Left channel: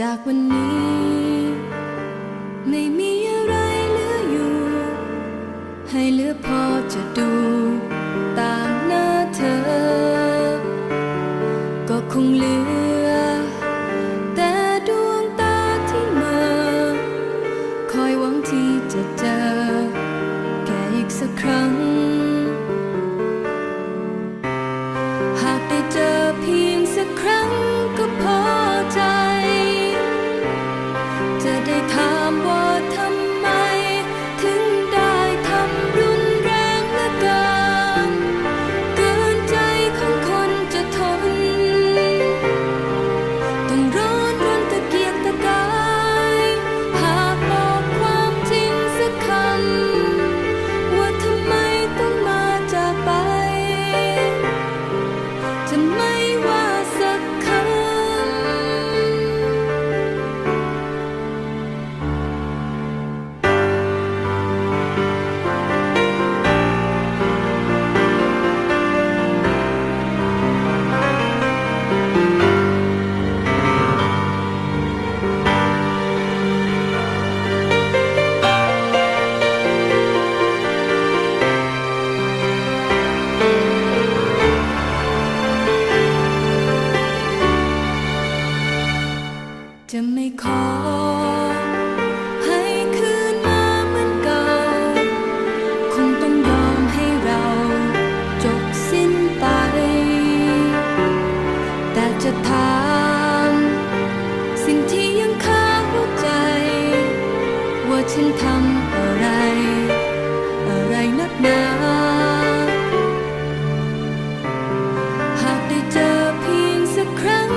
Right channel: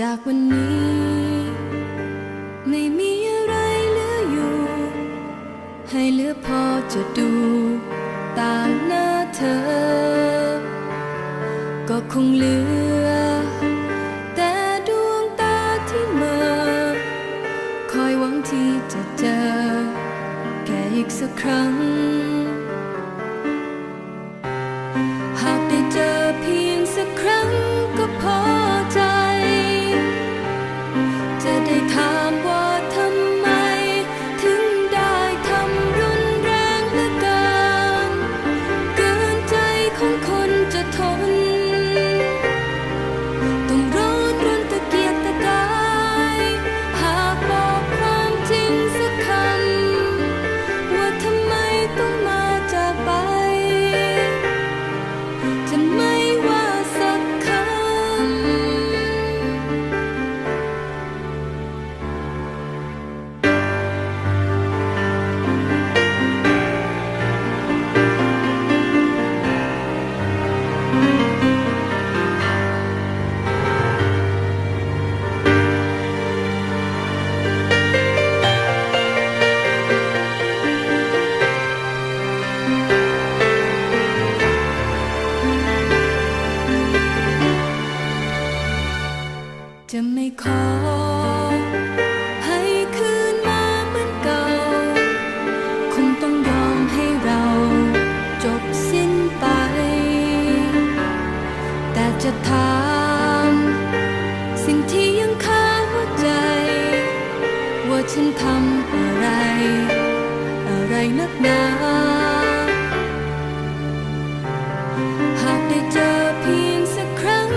จากวันนี้ ไม่มีอะไรเหลืออยู่ ให้เหลือพอจะดู ตามหน้าเธอ ก็คงเหลือ แต่ดวงตาที่เมื่อคอยหวังที่จะเจอ แค่อีกสักครั้ง หากได้เจอเพียงสักครั้งก็พอ จะไม่ขอ ให้คืนมาเหมือนเก่า คงต้องยอมให้เราจบสิ้นไป แต่จะถามสิ่งที่ยังคาหัวใจ ว่าฉันทำอะไร อะไรนักหนาหากได้เจอเพียงสักครั้ง